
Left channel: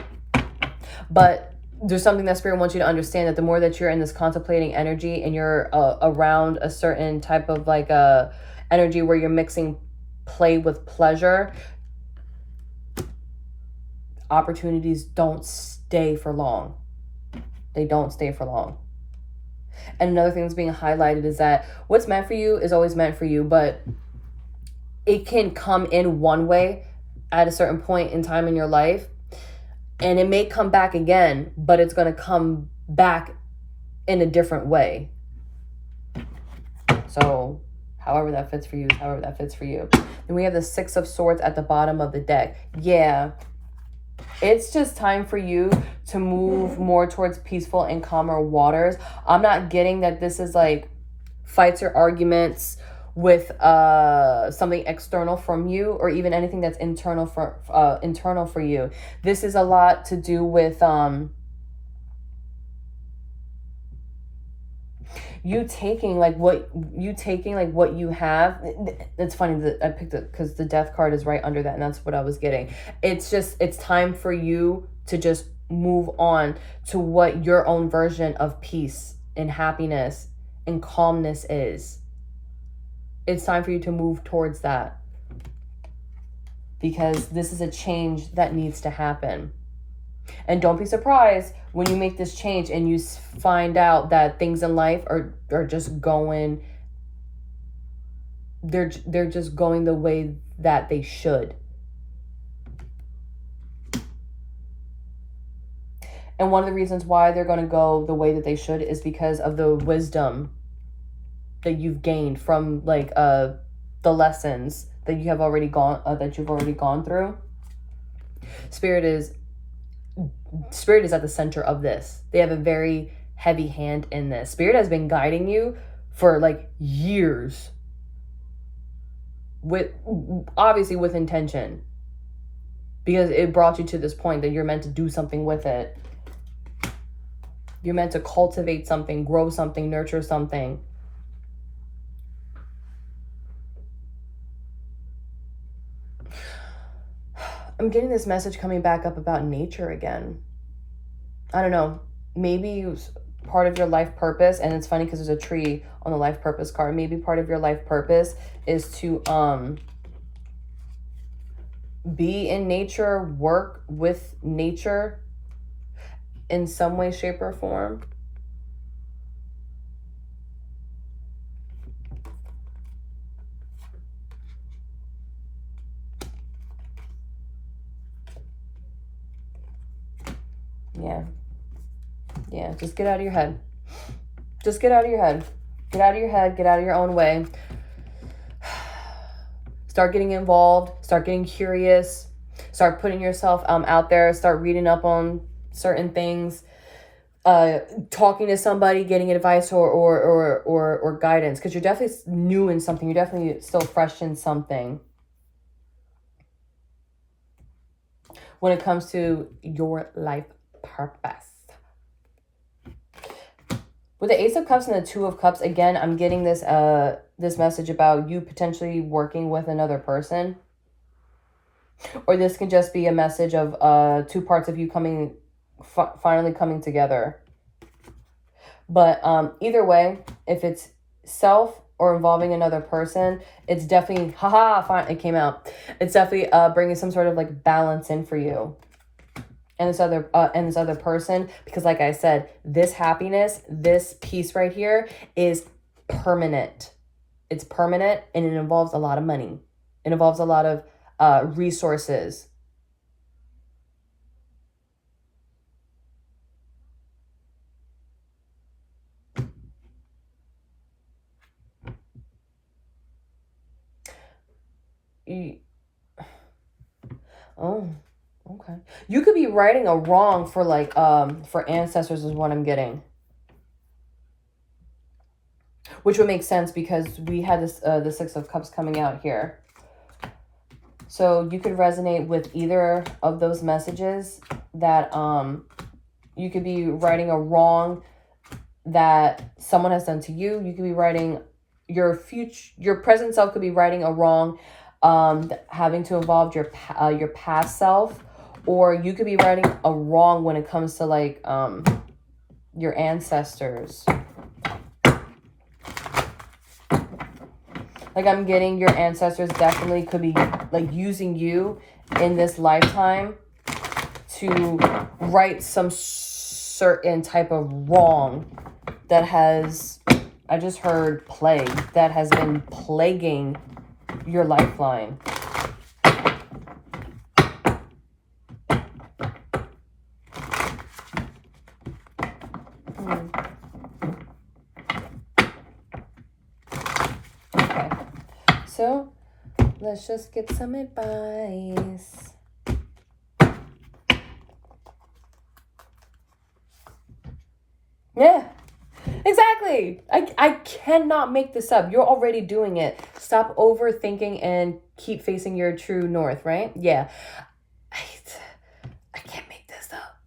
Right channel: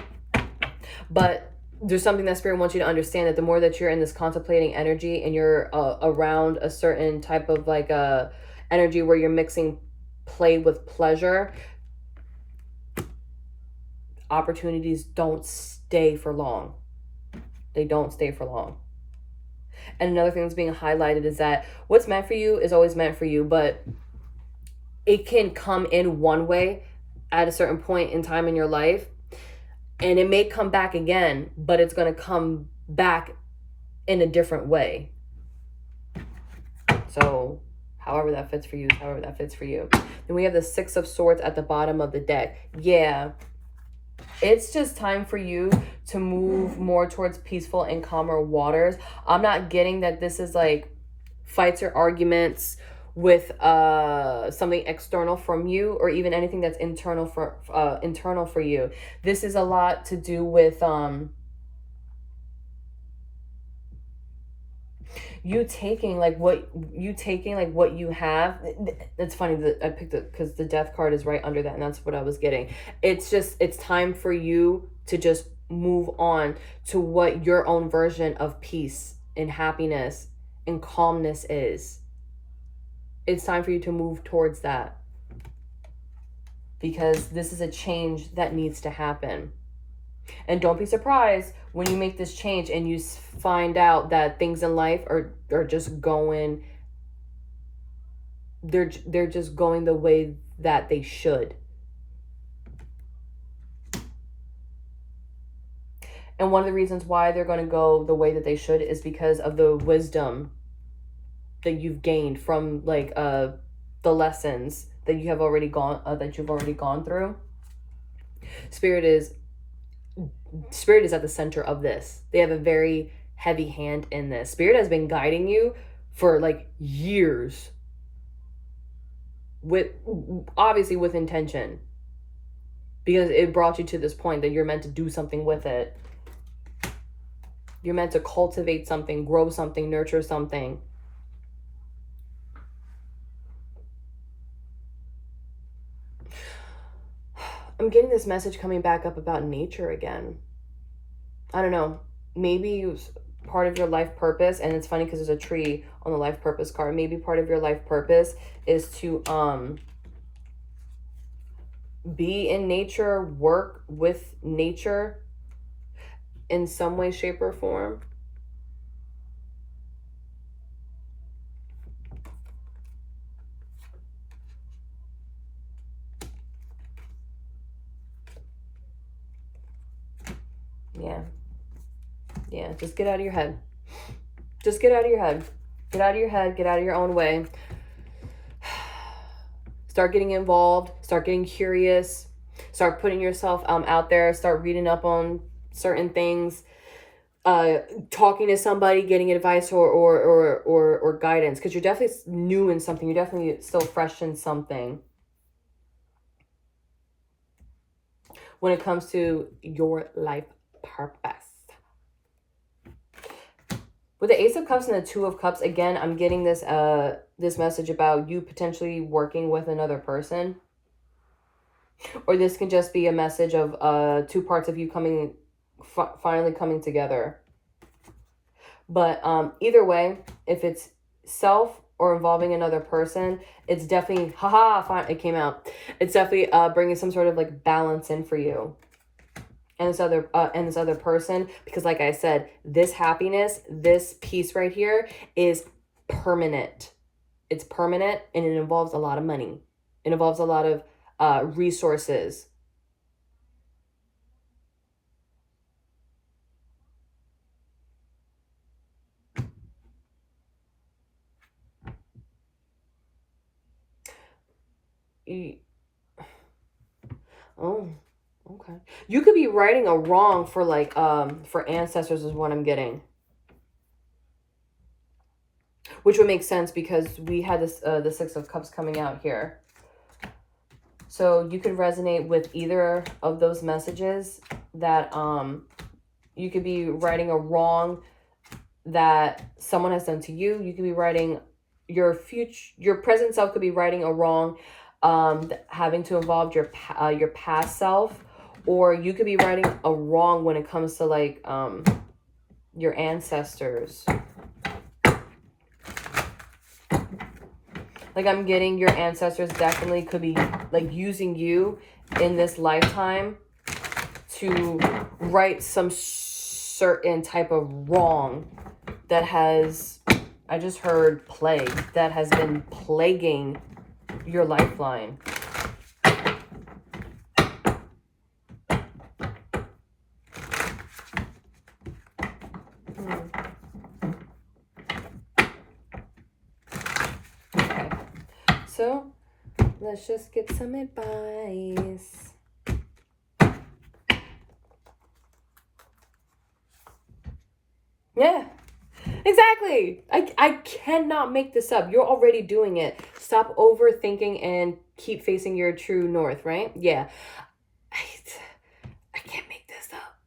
But there's something that Spirit wants you to understand, that the more that you're in this contemplating energy and you're around a certain type of like energy where you're mixing play with pleasure, opportunities don't stay for long. They don't stay for long. And another thing that's being highlighted is that what's meant for you is always meant for you, but it can come in one way at a certain point in time in your life, and it may come back again, but it's going to come back in a different way. So however that fits for you, however that fits for you. Then we have the Six of Swords at the bottom of the deck. Yeah, it's just time for you to move more towards peaceful and calmer waters. I'm not getting that this is like fights or arguments with something external from you, or even anything that's internal for you. This is a lot to do with you taking like what you have. It's funny that I picked it because the Death card is right under that, and that's what I was getting. It's time for you to just move on to what your own version of peace and happiness and calmness is. It's time for you to move towards that, because this is a change that needs to happen. And don't be surprised when you make this change and you find out that things in life are just going, they're just going the way that they should. And one of the reasons why they're going to go the way that they should is because of the wisdom that you've gained from like the lessons that you have already gone through. Spirit is at the center of this. They have a very heavy hand in this. Spirit has been guiding you for like years, obviously with intention, because it brought you to this point that you're meant to do something with it. You're meant to cultivate something, grow something, nurture something. I'm getting this message coming back up about nature again. I don't know. Maybe part of your life purpose, and it's funny because there's a tree on the life purpose card. Maybe part of your life purpose is to be in nature, work with nature in some way, shape, or form. Yeah, just get out of your head. Just get out of your head. Get out of your head. Get out of your own way. Start getting involved. Start getting curious. Start putting yourself out there. Start reading up on certain things. Talking to somebody, getting advice or guidance, because you're definitely new in something. You're definitely still fresh in something. When it comes to your life purpose. With the Ace of Cups and the Two of Cups, again, I'm getting this this message about you potentially working with another person. Or this can just be a message of two parts of you finally coming together. But either way, if it's self or involving another person, it's definitely, it came out. It's definitely bringing some sort of like balance in for you. And this other person, because like I said, this happiness, this peace right here is permanent. It's permanent, and it involves a lot of money. It involves a lot of resources. Oh. Okay. You could be righting a wrong for like for ancestors is what I'm getting. Which would make sense because we had this the Six of Cups coming out here. So you could resonate with either of those messages, that you could be righting a wrong that someone has done to you. You could be righting your present self could be righting a wrong having to involve your past self, or you could be righting a wrong when it comes to like your ancestors. Like I'm getting your ancestors definitely could be like using you in this lifetime to right some certain type of wrong that has, I just heard plague, that has been plaguing your lifeline. Okay, so let's just get some advice. Yeah, exactly. I cannot make this up. You're already doing it. Stop overthinking and keep facing your true north, right? Yeah. I can't make this up.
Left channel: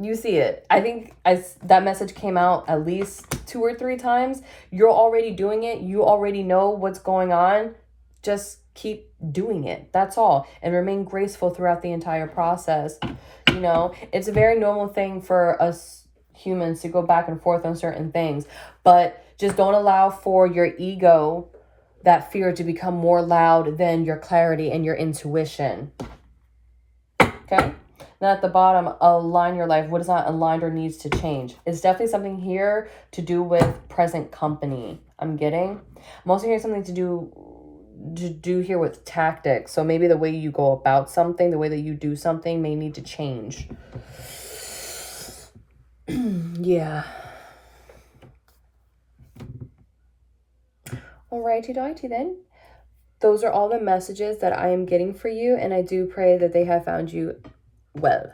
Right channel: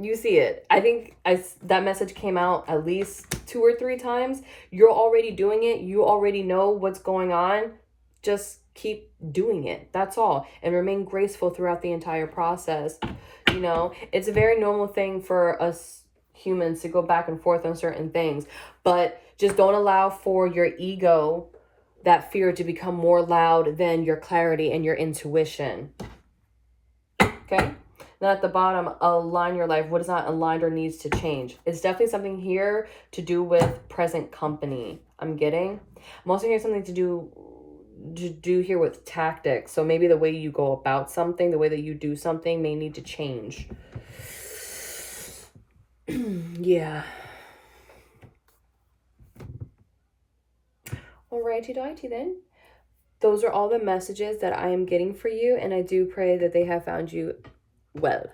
You see it. I think that message came out at least 2 or 3 times. You're already doing it. You already know what's going on. Just keep doing it. That's all. And remain graceful throughout the entire process. You know, it's a very normal thing for us humans to go back and forth on certain things. But just don't allow for your ego, that fear, to become more loud than your clarity and your intuition. Okay? Then at the bottom, align your life. What is not aligned or needs to change? It's definitely something here to do with present company. I'm getting. I'm also hearing something to do here with tactics. So maybe the way you go about something, the way that you do something may need to change. Yeah. Alrighty doity then. Those are all the messages that I am getting for you, and I do pray that they have found you well.